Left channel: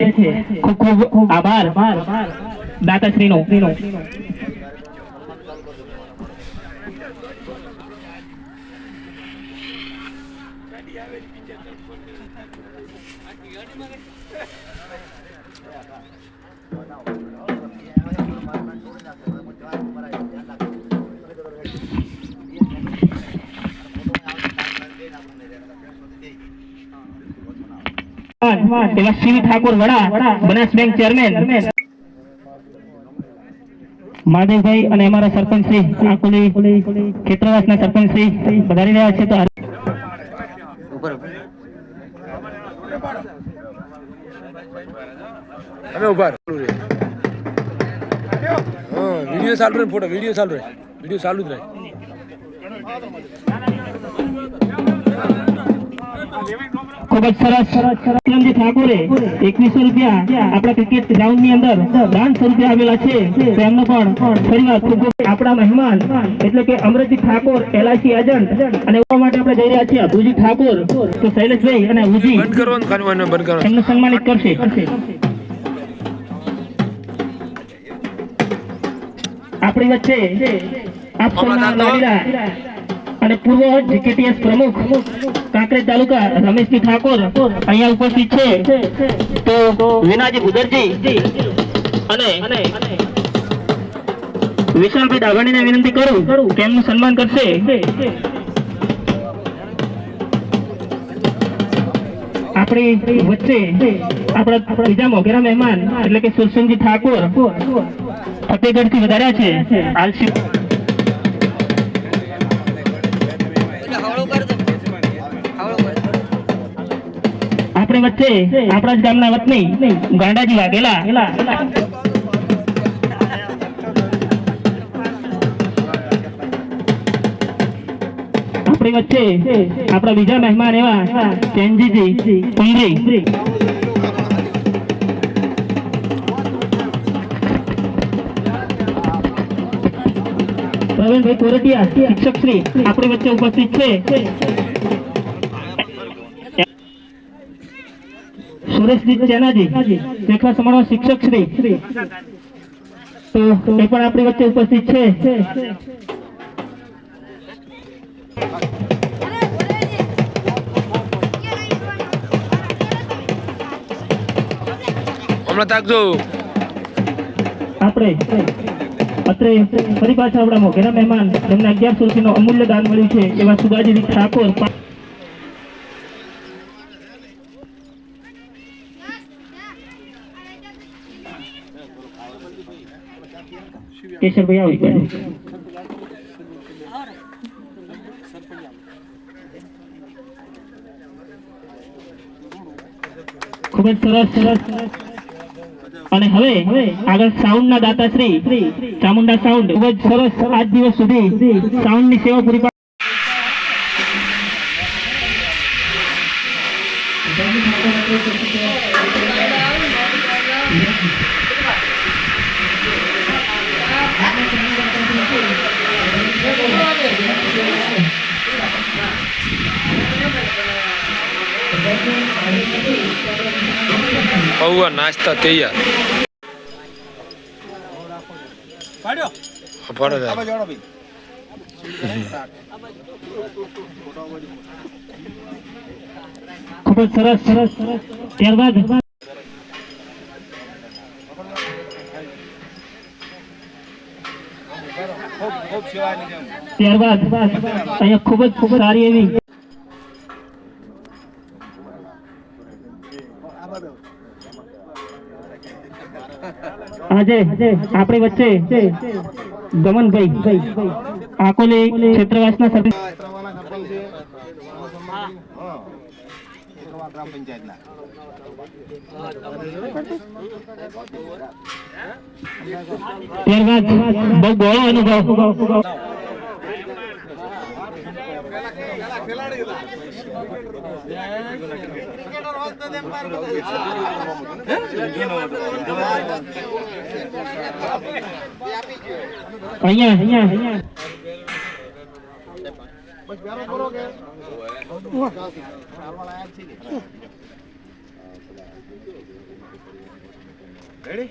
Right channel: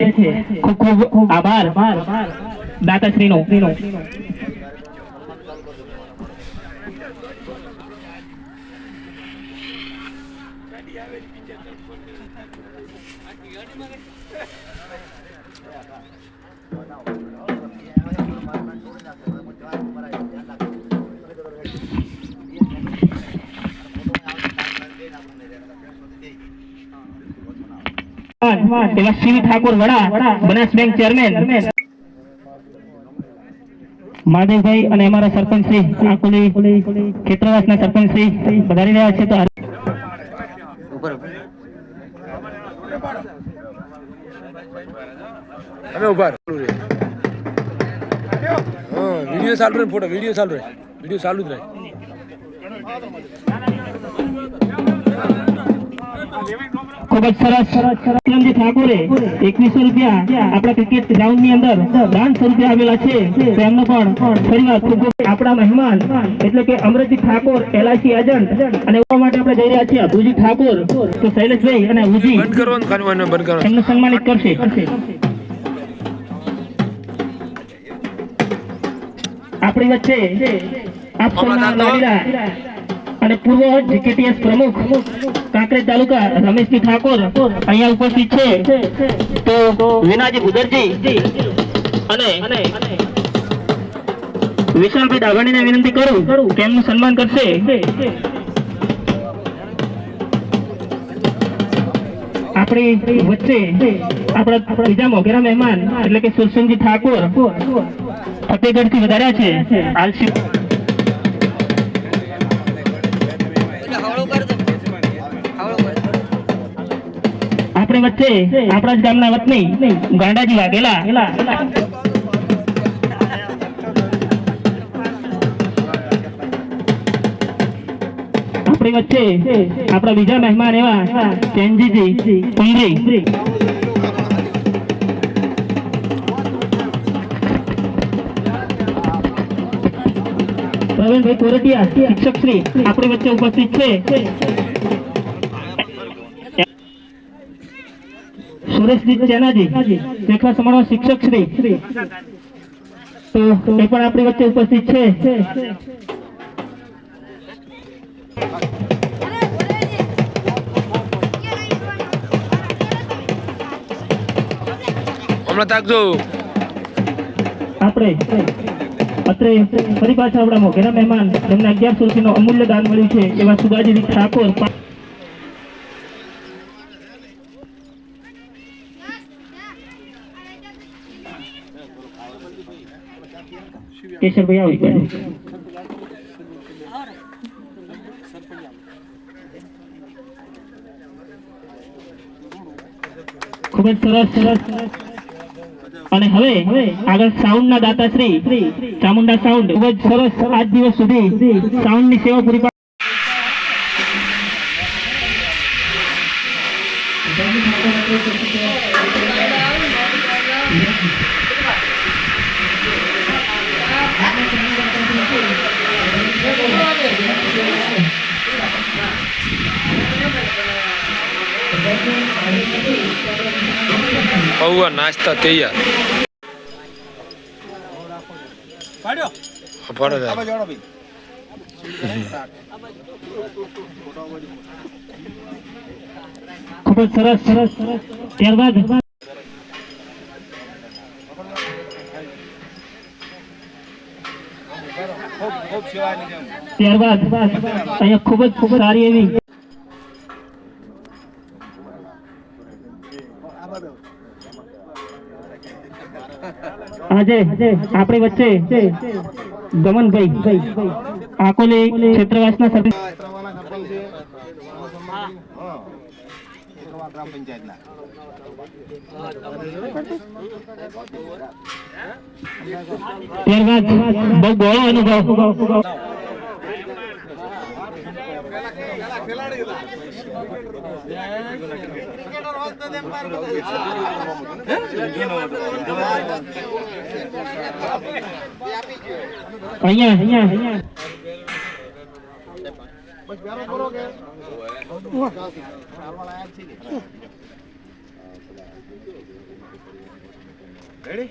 ખૂબ ખૂબ આભાર દાતાશ્રીનો. એવા શિવ ઠાકોર વડા બનાસ બેંક ચેરમેન મહાદેવભાઈ અને અમારા સરપંચ શ્રી આકોલી ખેતરવાસના સરપંચ શ્રી પધારી રહ્યા છે. તો અમે ઉભા વિડિયો ચાલુ રહે, ફોટો વિડિયો ચાલુ જ રહે. ખૂબ જ સરસ. ઠાકોરે 2100 રૂપિયા આપણા ક્રિકેટ ગ્રાઉન્ડ ની અંદર દાન સ્વરૂપે આવેલા છે. તેમનો પણ ફરીવાર ખૂબ આપણા મહેમાન એટલે કે અમરતજી ઠાકોર LIC એજન્ટ અને એવા માટે આપણે જઈ રહ્યા છીએ અભુજી ઠાકોર. તો શૈલેષભાઈ અને અભુજી એમને સન્માનિત કરશે. આપણી વચ્ચે આપ સૌના લાડીલા અને પૂર્વ JKTS પ્રમુખ કાંકરેજ તાલુકા રમેશજી ઠાકોર અહીંયા ઉપસ્થિત છે. તો વિનાજી ગુદરજી અને વિશાલભાઈ દાભાણીને વિનંતી કરું કે એમનું સન્માન કરશે. આપણી વચ્ચે આપણા બીજા મોઘેરા મહેમાન એટલે કે સુરસનજી ઠાકોર ફતેહગઢથી વધાર્યા છે. આપણી વચ્ચે આપણા જ ગામના વતની ગાંડાજી વાઘેલા આપણી વચ્ચે આપણા બીજા મહેમાન એવા ચેનજીજી કુંદરી પ્રવીણભાઈ કોરટિયા શિક્ષક શ્રી આપણી વચ્ચે ઉપસ્થિત છે. સુરેશજી ચેનાજી દેખવા સમાજના શિક્ષક શ્રી તો એ પણ આપણી વચ્ચે ઉપસ્થિત છે. આપણે અત્રે ફરી પાછા આપણા મોઘેરા મહેમાન જેમને 1100 રૂપિયાનું અમૂલ્ય દાન મળ્યું છે એવા સુગાજી ઠાકોર કેશરભાઈ આવી ગયા. ખૂબ જ સરસ. અને હવે આગળ સાઉન્ડ ના દાતાશ્રી ચામુંડા સાઉન્ડ ખૂબ જ સરસ આજ દિવસ સુધી સાઉન્ડ ની સેવા પૂરી નાસ્તા તૈયાર. ખૂબ જ સરસ. ત્યારબાદ અહીંયા ખૂબ જ સારી એવી આજે આપણી વચ્ચે ગમનભાઈ આકોલી ક્ષેત્રવાસના સરપંચ ત્યારબાદ બહુ બહોળો અનુભવ અહીંયા ભાઈ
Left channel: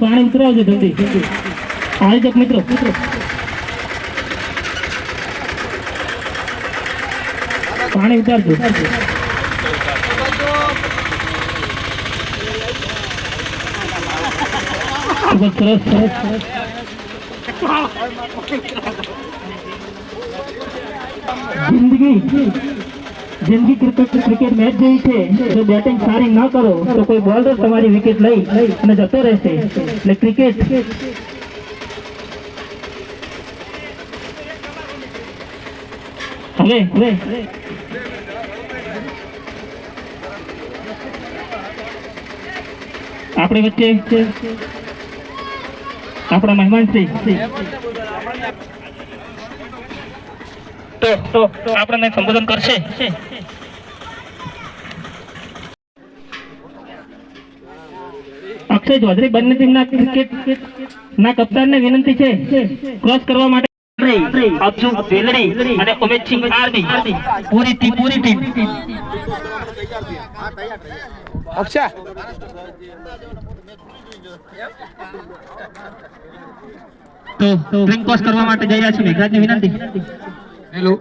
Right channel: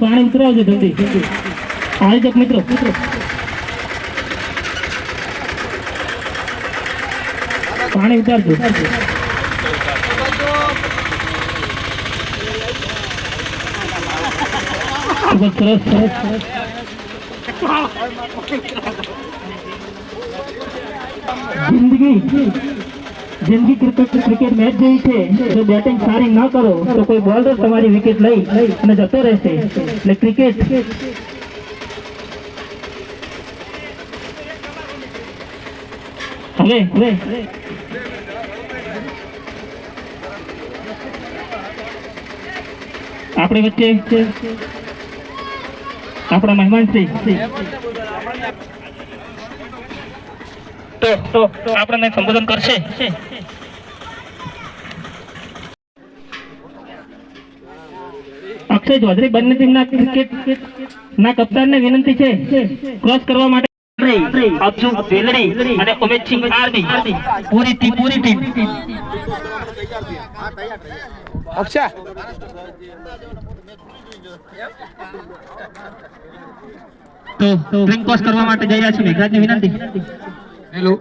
પાણી ઉતરાવજો જલ્દી આવી જાવ મિત્રો પાણી ઉતારજો ખૂબ જ સરસ જિંદગી ક્રિકેટ મેચ જેવી છે. જો બેટિંગ સારી ન કરો તો કોઈ બોલર તમારી વિકેટ લઈ અને જતો રહેશે. એટલે ક્રિકેટ હવે આપણી વચ્ચે આપણા મહેમાન શ્રી તો આપણને સંબોધન કરશે. અક્ષય ચૌધરી બંને ટીમના ક્રિકેટ ના કપ્તાનને વિનંતી છે ક્રોસ કરવા માટે અબ્દુલ વેલડી અને ઉમેશસિંહ આર્મી પૂરી ટીમ અક્ષા તો સ્ટ્રિંગ ક્રોસ કરવા માટે જઈ રહ્યા છે. મેઘરાજને વિનંતી. हेलो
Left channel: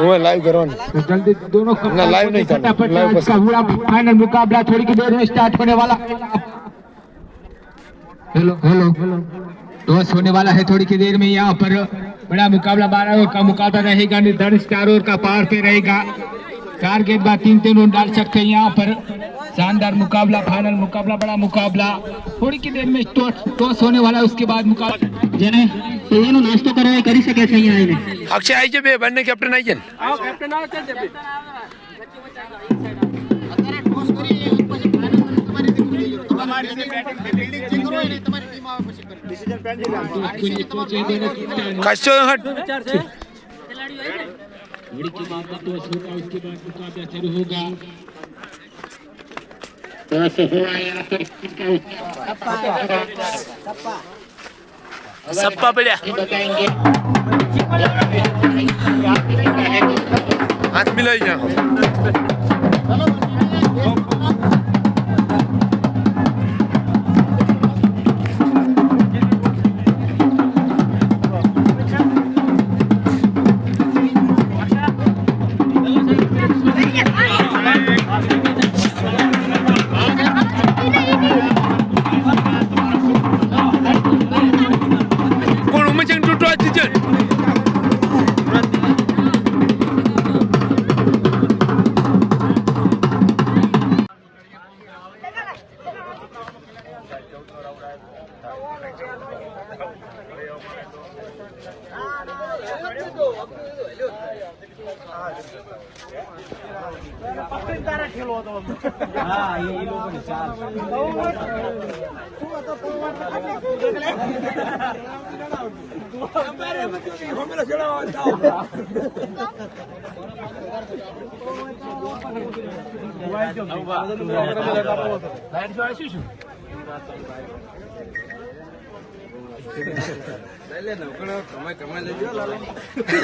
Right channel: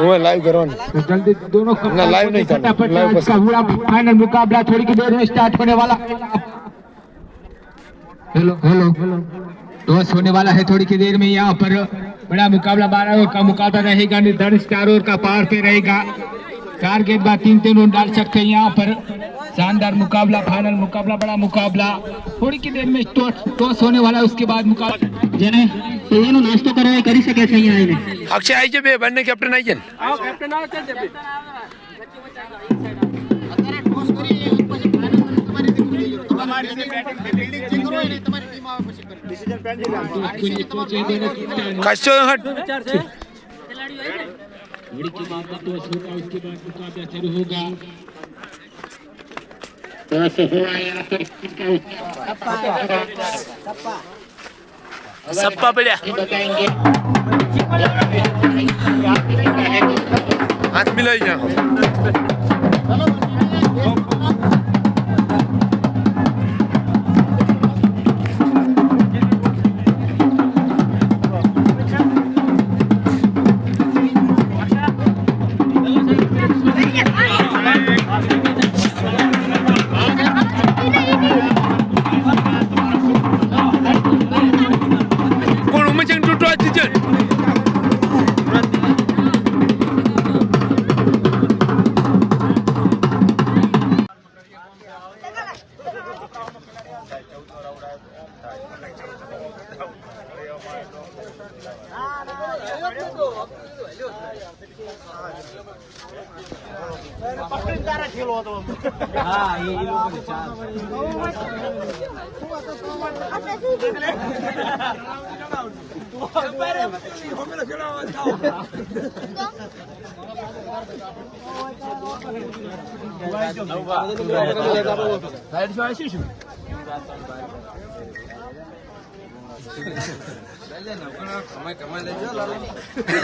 वो लाइव करो जल्दी दोनों ना लाइव नहीं करना लाइव बस पूरा फाइनल मुकाबला थोड़ी की देर में स्टार्ट होने वाला. हेलो टॉस होने वाला है थोड़ी की देर में. यहाँ पर बड़ा मुकाबला 12 ओवर का मुकाबला रहेगा. निर्धारित 4 ओवर का पावर पे रहेगा. 4 गेंदबाज 3 रन डाल सकते हैं. यहाँ पर शानदार मुकाबला फाइनल मुकाबला बड़ा मुकाबला. थोड़ी की देर में टॉस होने वाला है. उसके बाद मुकाबला જેને એનો નાસ્તો કરવા એ કરી શકે છે અહીંયા આવીને. અક્ષય આવી છે બે બંને કેપ્ટન આવી છે ને કશો હટ की बात का टॉस होगा. उसके बाद मुकाबला शुरू होगा. टॉस हुआ यहाँ पर સપ્પા પડ્યા बताएंगे હાથ મિલાઈ જાઓ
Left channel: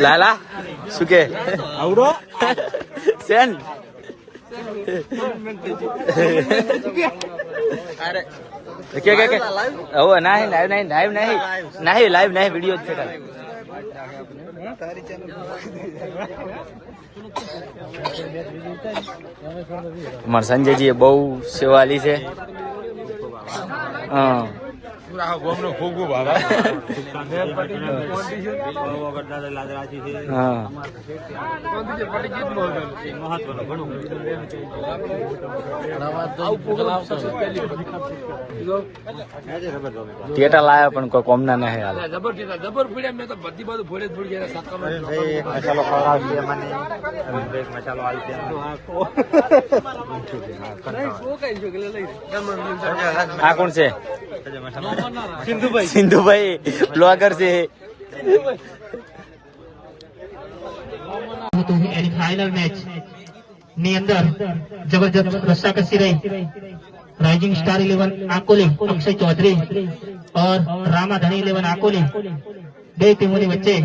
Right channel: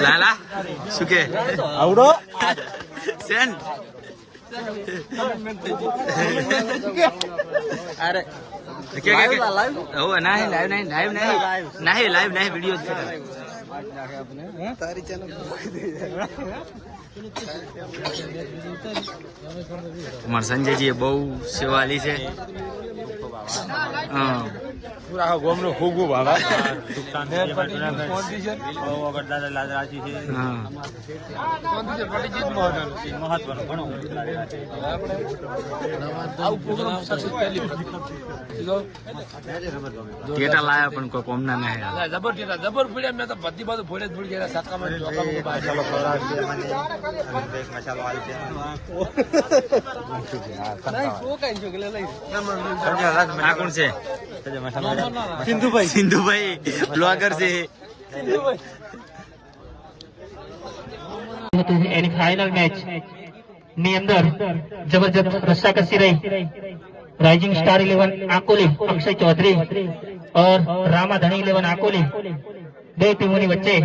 લાલા શું કે આવડો સેન કે હવે નહીં લાઈવ નહીં વિડીયો છે ખાલી અમારા સંજયજી બહુ સેવાલી છે. હા ગોમનો ખૂબ હા ટેટા લાયા પણ કોઈ કોમના નહીં હાલ જબર ફીડ્યા મેં તો બધી બાજુ ફોડે જ ફૂડી ગયા આ કોણ છે સિંધુભાઈ બ્લોગર છે. એની ફાઇનલ મેચ ની અંદર જબરજસ્ત રસ્સાકસી રહી. રાઇઝિંગ સ્ટાર 11 આકોલી અક્ષય ચૌધરી और रामा धनी 11 आकोली બે ટીમોની વચ્ચે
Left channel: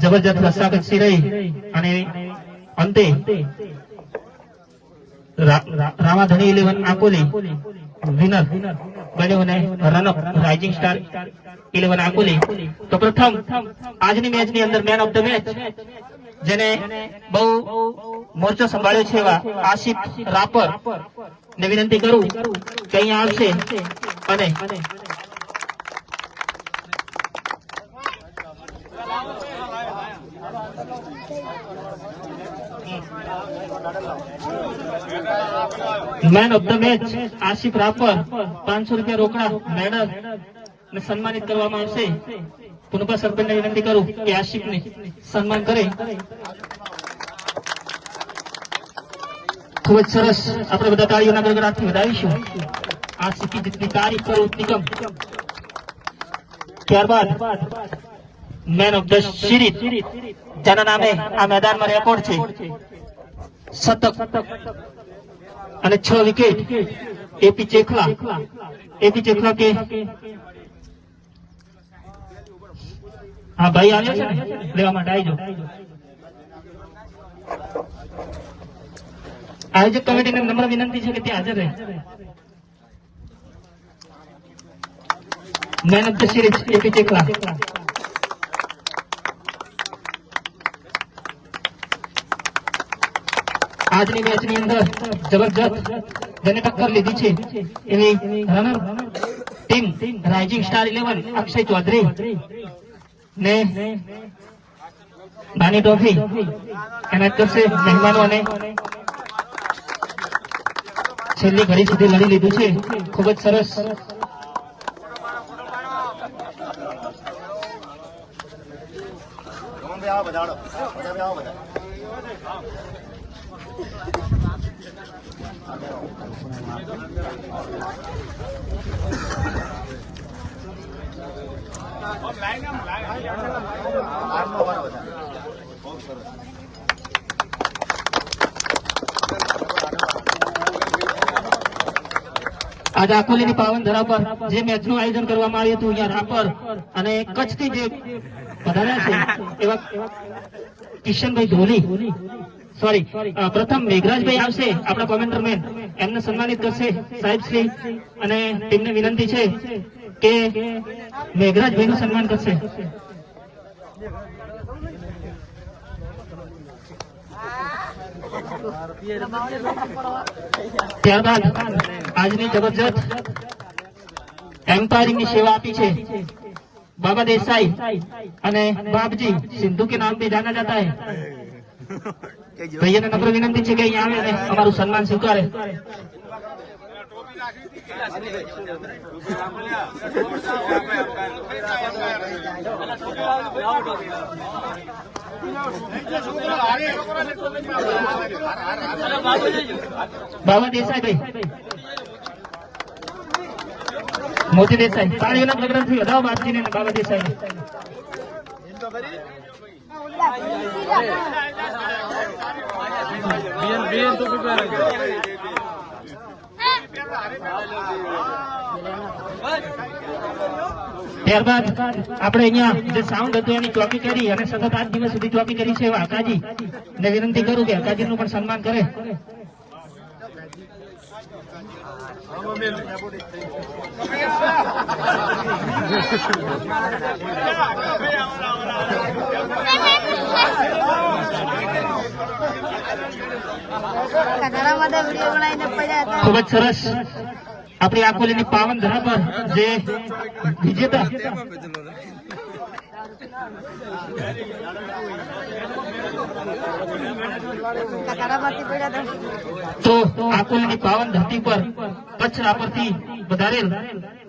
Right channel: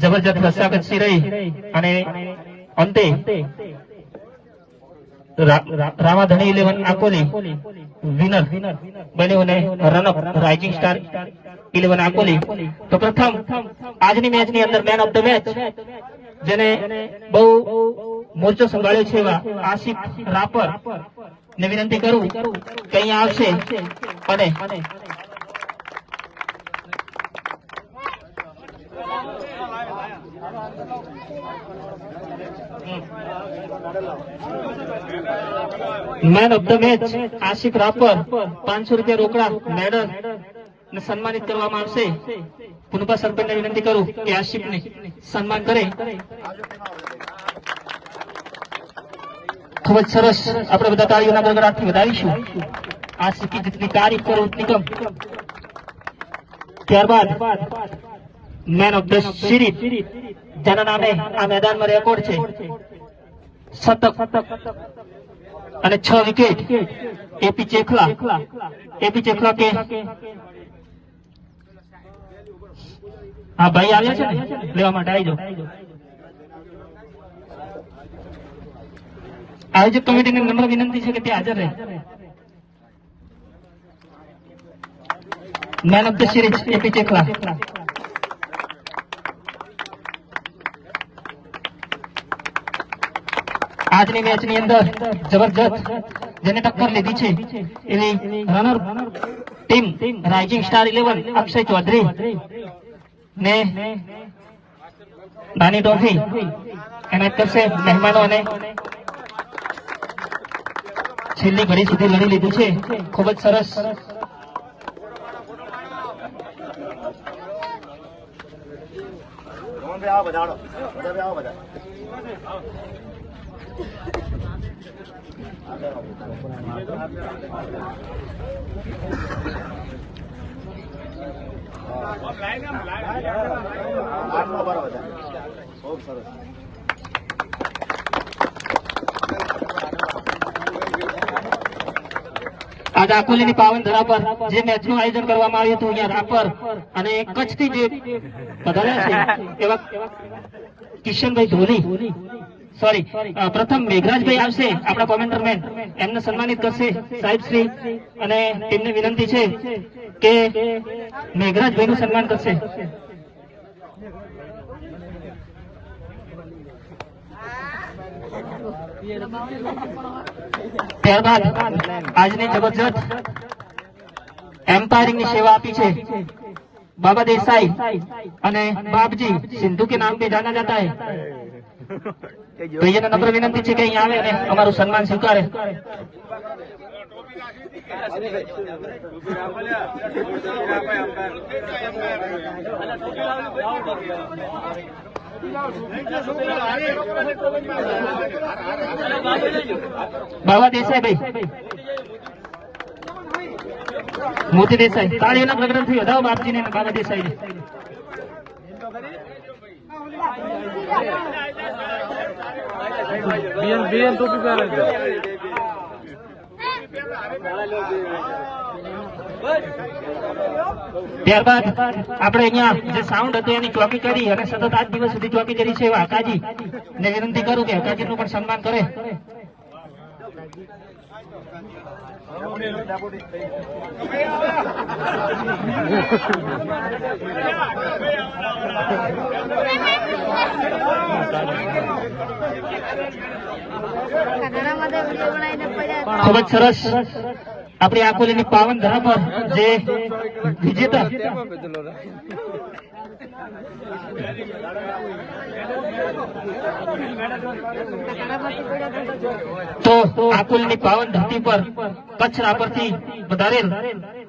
જબરજસ્ત રસ્સાકસી રહી અને અંતે રામા ધણી 11 આકોલી વિનર બન્યો અને રનઅપ રાઇઝિંગ સ્ટાર 11 આકોલી। તો પ્રથમ આજની મેચની અંદર મેન ઓફ ધ મેચ જેને બહુ મોરચો સંભાળ્યો છે એવા આશિફ રાપર ને વિનંતી કરું કે અહીંયા આવશે અને main of the match Asif Rapar 500 રૂપિયા રોકડા મેડલ ને સન્માનિત કરવામાં આવશે। પુનપા સરપંચને વિનંતી કરું કે આશિફને સન્માન કરે। ખૂબ જ સરસ, આપણે બધા તાળીઓના ગડગડાટથી વધાવીશું। આશિફ की जितनी तारीफ करो उतनी कम। ત્યારબાદ મેન ઓફ ધ સિરીઝ જેના નામે આ મેદાનમાં રેકોર્ડ છે, શતક અને 6 વિકેટ એપી ચેખલા કે હા ભાઈ આવ્યા છે ને લેવા માટે આવી જાઓ। આયોજક કમિટીને નમ્ર વિનંતી છે કે તે હાજર રહે। Man of the series AP ચેખલા। આજની મેચની અંદર જબરજસ્ત જેને ટક્કર લીધી છે એની runner team rising star 11 Akshay Chaudhary ને નાની ટ્રોફી એના કરશે મહેમાનોને છેલ્લી ઘડી સુધી લડી લીધી છે। ખૂબ જ સરસ। आज આકોલીની પાવન ધરા પર જે મેચનું આયોજન કરવામાં આવ્યું હતું અહીંયા રાપર અને કચ્છથી જે પધાર્યા છે એવા કિશનભાઈ ધોની સોરી પ્રથમ મેઘરાજભાઈ આવશે આપણા કોમેન્ટરમેન, એમને સન્માનિત કરશે સાહેબશ્રી અને ટીમને વિનંતી છે કે મેઘરાજભાઈનું સન્માન કરશે। ત્યારબાદ આજની જબરજસ્ત એમ્પાયરિંગની સેવા આપી છે बाबा देसाई અને બાપજી સિંધુ के नाम पे जाना जाता है। ભૈયાને નમ્ર વિનંતી છે કે અહીંયા આવે અને અમારું સન્માન સ્વીકારે। बाबा देसाई भाई मोती देसाई ताळीઓના પ્રગતિથી વધાવો બાપજીને અને બાબા દેસાઈને। ત્યારબાદ આપણે અહીંયા જે સાઉન્ડ હતું એની ચોકી કરી અને સતત 8 દિવસ સુધી ચોકી કરી છે હકાજી ને વિનંતી કરું કે હકાજીનું પણ સન્માન કરે। ખૂબ જ સરસ। આપણી આકોલીની પાવન ધરા પર જે વિજેતા તો આકોલીની પાવન ધરતી પર કચ્છ રાપરથી વધારેલ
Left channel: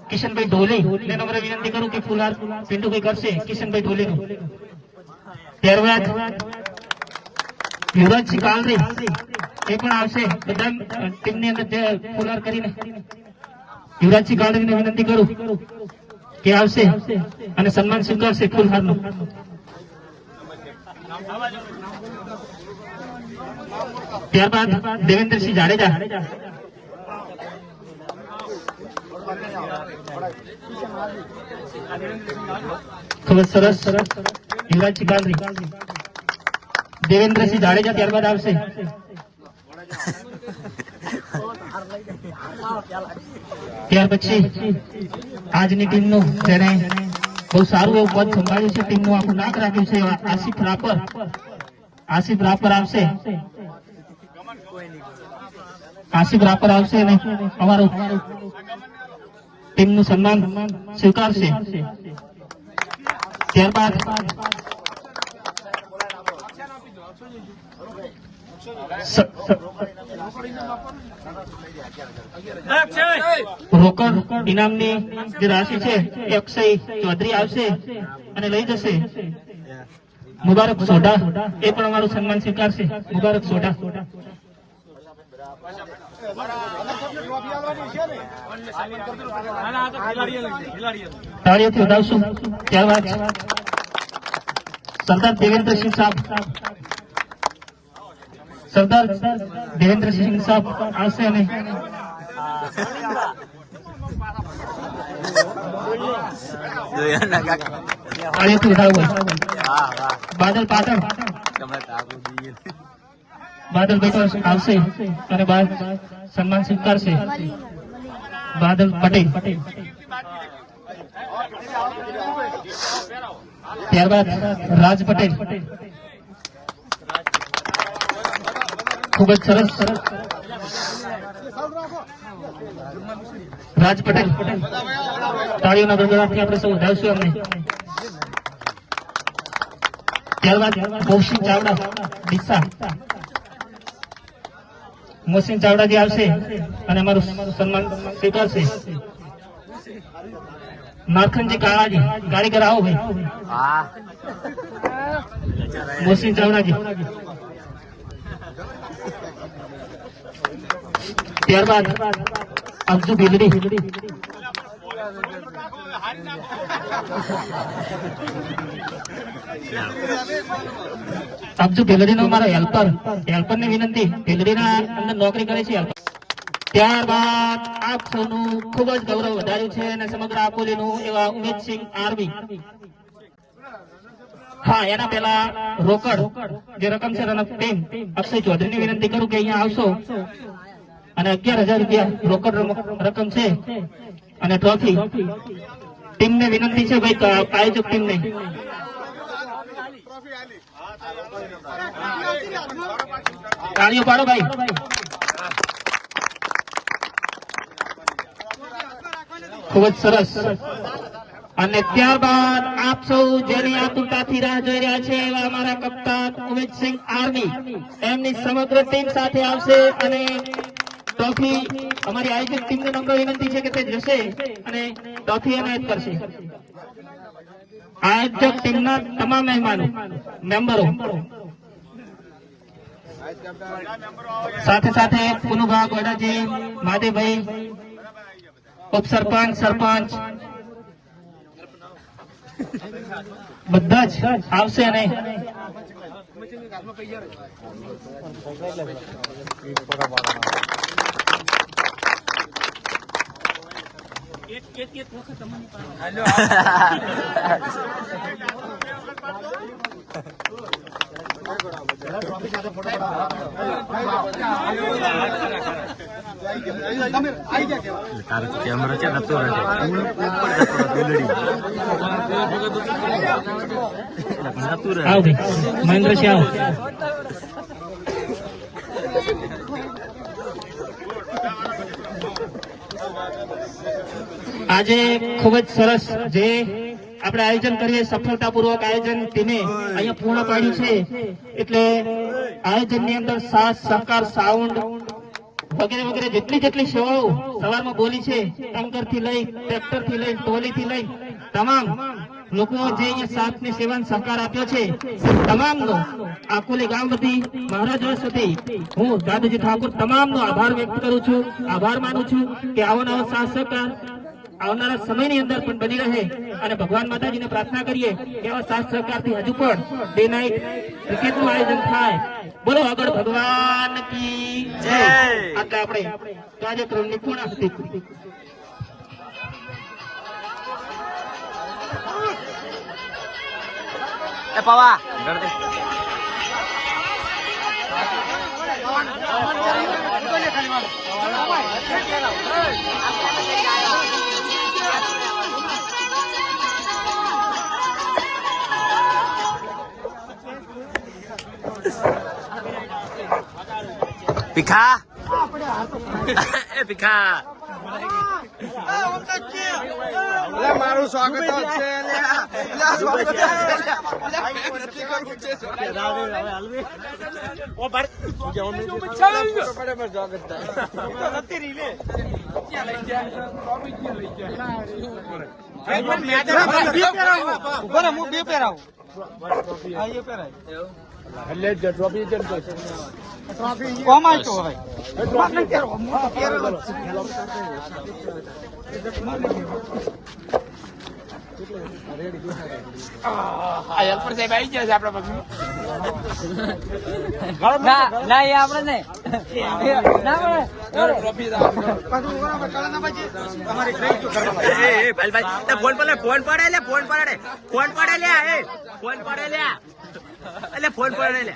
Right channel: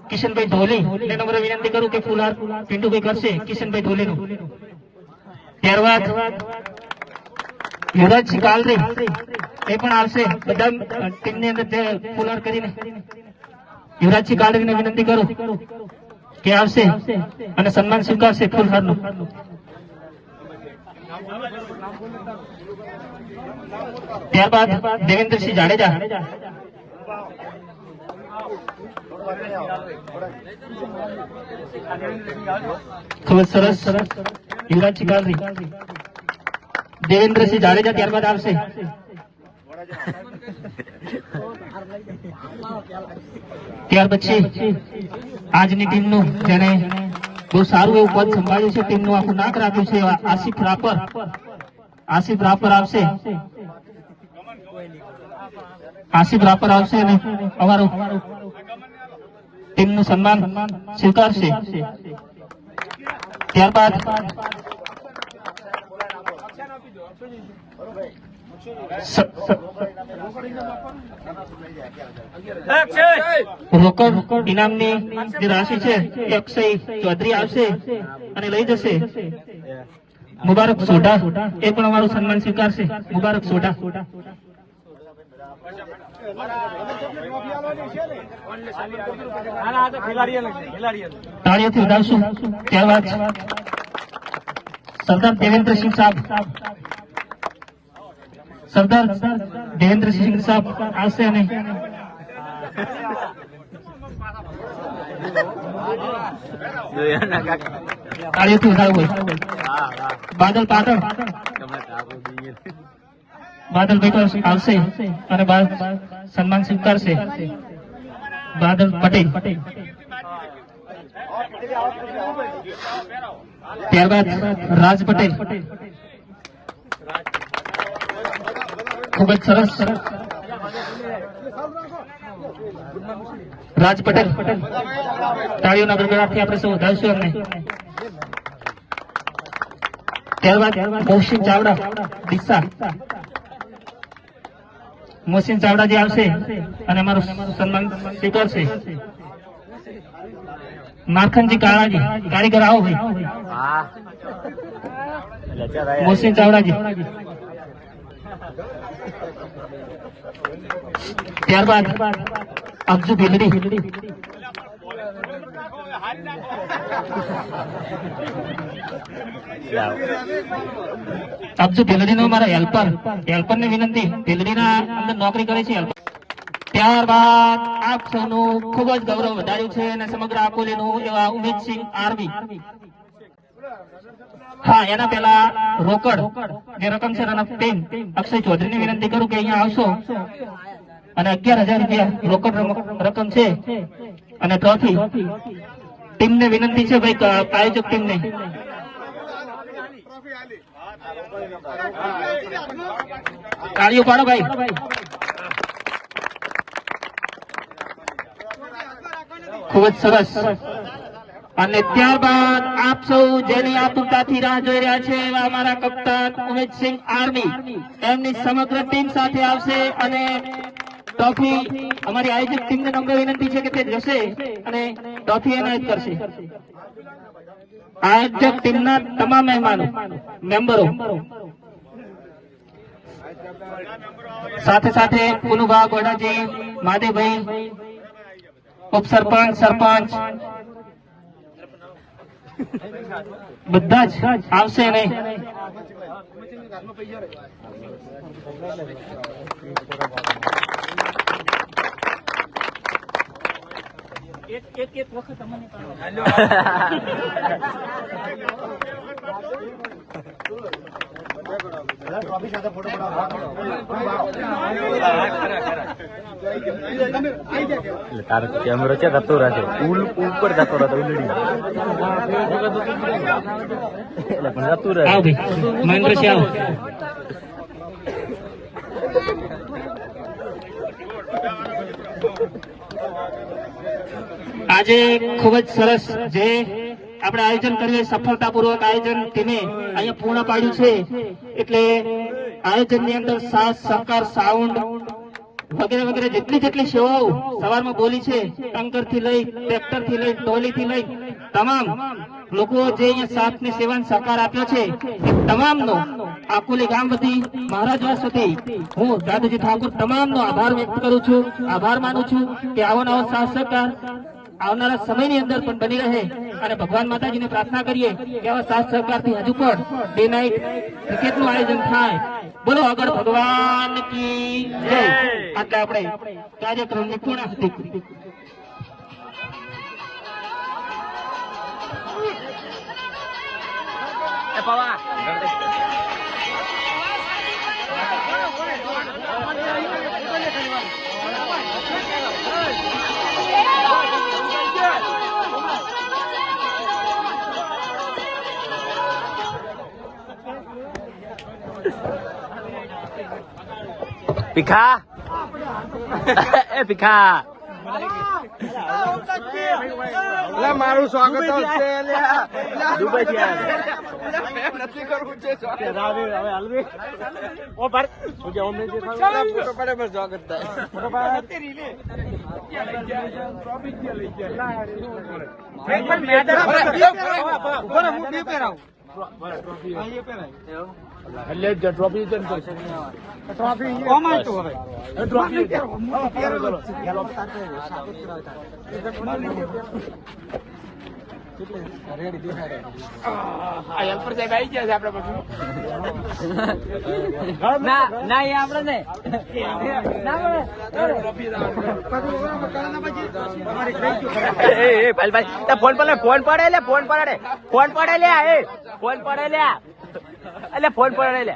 કિશનભાઈ ધોલી ને નમ્ર વિનંતી કરું કે ફુલહાર પિન્ટુભાઈ કરશે કિશનભાઈ ધોલીનું। ત્યારબાદ યુવરાજસિંહ કાલરી એ પણ આવશે। બધા ટીમની અંદર ફુલહાર કરીને યુવરાજસિંહ કાલરીને વિનંતી કરું કે આવશે અને સન્માન સ્વીકારશે ફુલહારનું। ત્યારબાદ દેવેન્દ્રસિંહ જાડેજા ખૂબ જ સરસ યુવરાજસિંહ ગાંધી, દેવેન્દ્રસિંહ જાડેજા ત્યારબાદ આવશે. ત્યાર પછી આજની ટીમનું જેને બહુ સારું એવું પદ સંભાળ્યું છે, ટીમનું આખું નાક રાખ્યું છે, આસિફ રાપર આવશે. આસિફ રાપર આવશે અને અમારું ટીમનું સન્માન સ્વીકારશે. ત્યારબાદ રોકડ ઇનામની જે રાશિ છે એ અક્ષય ચૌધરી આવશે અને લઈ જશે. મુબારક સોઢા એ પણ અમારું સન્માન સ્વીકારશે. મુબારક સોઢા તાળીઓથી વધાવશું. ત્યારબાદ સરદાર દેવેન્દ્રસિંહ સાહેબ આવશે અને તાળીઓથી વધાવવું. બાદલ પાટણ આવશે અને સન્માન સ્વીકારશે. બાદલ પટેલ. ત્યારબાદ રાજ પટેલ. ખૂબ જ સરસ રાજ પટેલ. તાળીઓના ગણગણાટથી આપણે સૌ વધારશું અમને. ત્યારબાદ મોહસિન ચાવડા દિશા. મોહસિન ચાવડા જે આવશે અને અમારું સન્માન સ્વીકારશે. માખનજી કાળાજી કારીગર આવો ભાઈ. મોહસિન ચાવડાજી. ત્યારબાદ અબ્દુ ભીલડી. અબ્દુ ભીલડીનો મારો હેલ્પર ની વિનંતી. ભીલડીના અંદર નોકરી કરે છે. ત્યારબાદ આપ સૌનું ખૂબ જ ગૌરવ વધાર્યું છે અને સમગ્ર આકોલીનું એવા ઉમેદસિંહ આરવી. હા, એના પહેલા રોકડ જે રકમ છે રનઅપ ટીમ અક્ષય ચૌધરીની વિનંતી કરું કે અહીંયા આવશો અને 11,000 રૂપિયા રોકડ રકમ છે અને ટ્રોફી. ટીમને વિનંતી છે ભાઈ, આયોજક ટીમને તાળીઓ પાડો ભાઈ. ખૂબ જ સરસ. અને ત્યારબાદ આપ સૌ જેની આતુરતાથી રાહ જોઈ રહ્યા છે એવા અમારા કપ્તાન ઉમેદસિંહ આર્મી એમની સમગ્ર ટીમ સાથે આવશે અને ટ્રોફી અમારી આયોજક ટીમને નમ્ર વિનંતી છે કે તે જશે અને ટ્રોફી એનાયત કરશે. આયોજક ટીમના તમામ મહેમાનો મેમ્બરો સાથે સાથે પુનુભા ગોડાજી, માદેભાઈ, ઉપસરપંચ, સરપંચ બધા જ આવશે ને એક વખત અમને તારો કેમેરો છે જતો રહે ઉપર જતો રહે ઉલડી જતું રહે. મહેન્દ્ર શાહ આજે ખૂબ જ સરસ જે આપણે આયોજન કરીએ સફળતાપૂર્વક આયોજન ટીમે અહીંયા પૂર્ણ પાડ્યું છે. એટલે આયોજનની અંદર સાથ સહકાર, સાઉન્ડ વગેરે વગેરે જેટલી સેવાઓ સવારમાં બોલી છે, ટંકરથી લઈ ટ્રેક્ટરથી લઈ ટોલીથી લઈ તમામ લોકો જે અહીંયા સાથની સેવાને સહકાર આપ્યો છે તમામનો આકોલી ગામ વતી મહારાજ સુધી હું દાદાજી ઠાકોર તમામનો આભાર વ્યક્ત કરું છું. આભાર માનું છું કે આવો નવો સાથ સહકાર આવનારા સમયની અંદર પણ બની રહે અને ભગવાન માતાજીને પ્રાર્થના કરીએ કે આવા સાથ સહકારથી હજુ પણ ડે નાઇટ ક્રિકેટનું આયોજન થાય. બોલો અગર ભગવાન કી જય. આટલે આપણે કાર્યક્રમની પૂર્ણાહુતિ કરી. એ પવા ભીખા એ ભીખા મારું સ્વાગત ફોન પડે લે ફોન પડે લે ફોન પડે લે એટલે ફોન પડે લે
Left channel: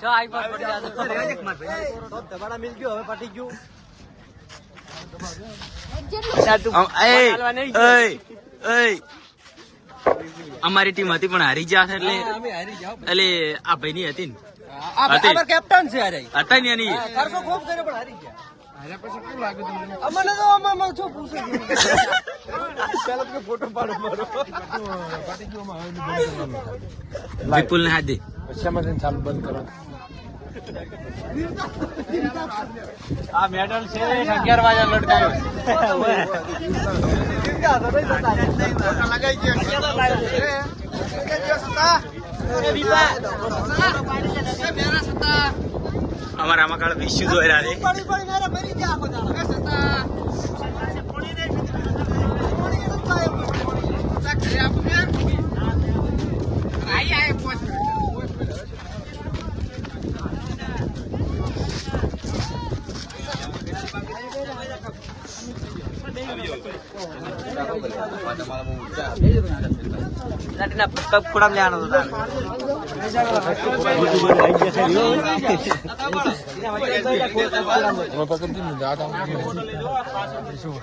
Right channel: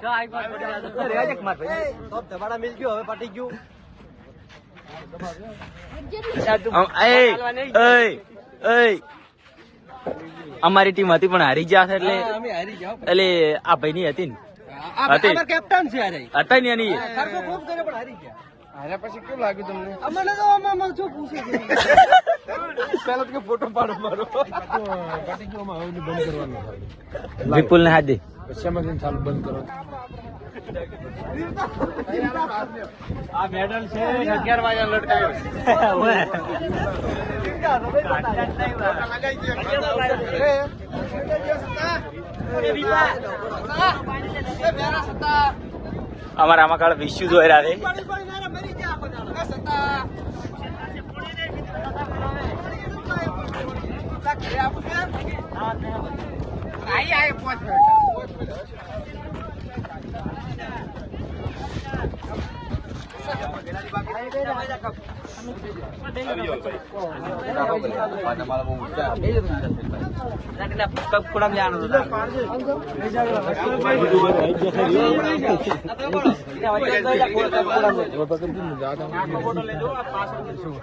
અમારી ટીમ હતી પણ હારી ગયા છે એટલે આ ભાઈ ની હતી ને કેપ્ટન છે હતા ને એની ખૂબ કર્યો પણ હારી ગયા. હાર્યા પછી કેવું લાગ્યું તમને? અમને તો આમાં શું પૂછે ફોટો પાડો પટી ગયો હવે બંધ કરવાનું વિપુલ ને હાથ દે પછી ચાલુ બંધ કરવાનું. આ મેડલ છે 11 વાગ્યા લડકાયો. અમારા આમાં કાળ ઇસ્યુઝ હોય રહ્યા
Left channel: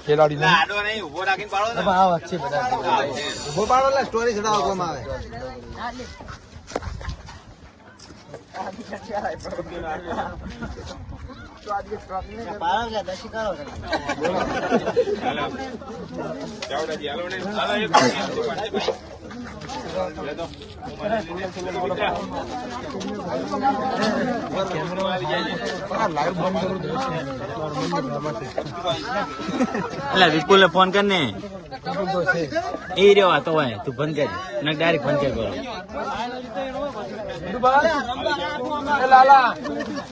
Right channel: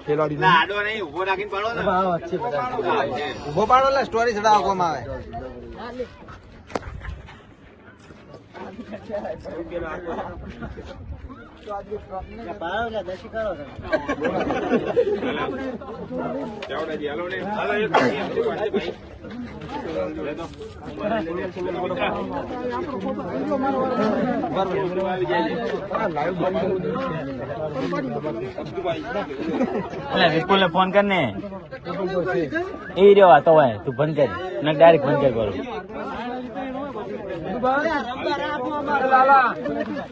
ખેલાડી આડો નહીં ઉભો રાખીને પાડો ને. હા વચ્ચે ઉભો પાડો ને સ્ટોરી ચડાવવામાં આવે. એટલે વિપુલ ને ફોન કર ને એ રહ્યો વાતો હોય તું બંધ કરી મેં ડાયરેક્ટ બંધ કરી